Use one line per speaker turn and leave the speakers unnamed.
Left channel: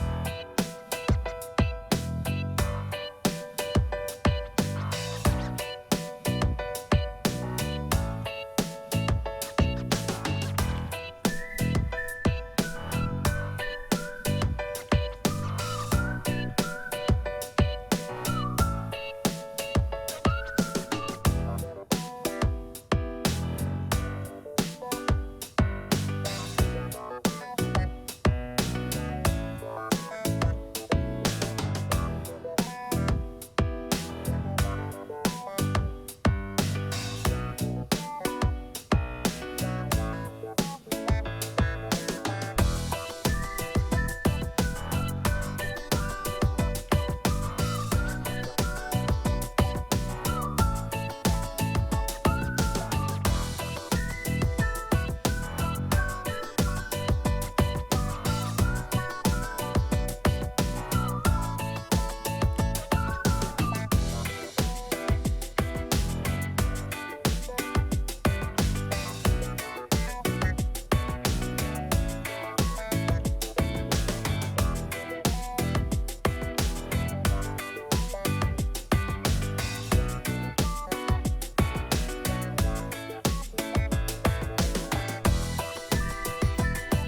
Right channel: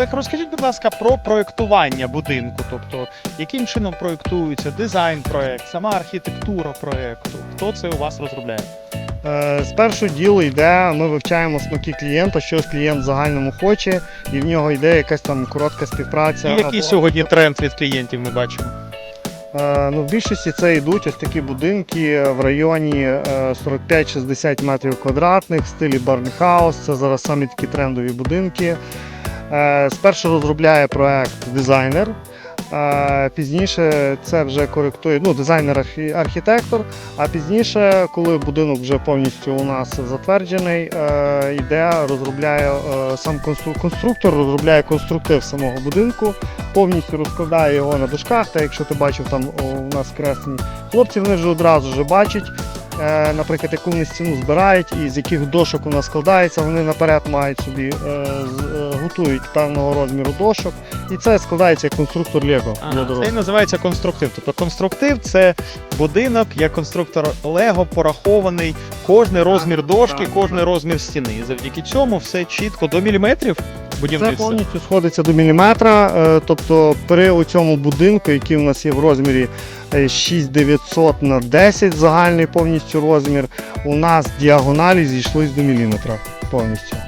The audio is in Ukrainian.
Олег, розкажіть, будь ласка, про проєктування будинку. Тобто, яким чином проєктується дизайн проєкт, сама архітектура проєкту. Хто це у вас розробляє?
Е, Спершу діло йде, ми вивчаємо смаки клієнта, що клієнт в загальному хоче, і в нього йде якась там коротка співпраця.
І який
або-
сьогодні тренд від клієнтів ми бачимо?
Е, Ну, в більшості це йдуть ось такі будинки в районі е, 45-60 метрів квадратних в стилі Барнхаус. Це зараз самі такі трендові будинки. Е, Спершу розробляє проект дизайнер. е, Пізніше це вже коректує ну, дизайнер-архітектор. А пізніше, коли будинок вже повністю у нас затверджений, е, йде, розробляє сам констру- конструктор, розробляє конструктив самого будинку повністю розкладає його на дошках. Та якщо ти бачив там у нас кресні хлопці, вони вже одразу вже бачать, наприклад, яку вони стіну збирають і з яких дошок вона складається, вони наперед мають собі е, е, готують певного розміру дошок. І це складається як конструктор Лего.
це і називається конструктив. Тобто конструктив це будинок, як конструктор Лего порахований, кожний розмір дошки, кожний розмір стіни. І завдяки цьому все чітко до міліметрів
Це повністю сходиться до міліметра. е, Тобто при цьому будинку, який у нас є в розмірі е, 6900 на 10 загальний повністю розмір, у нас діагоналі зійшлись до міліметра повністю.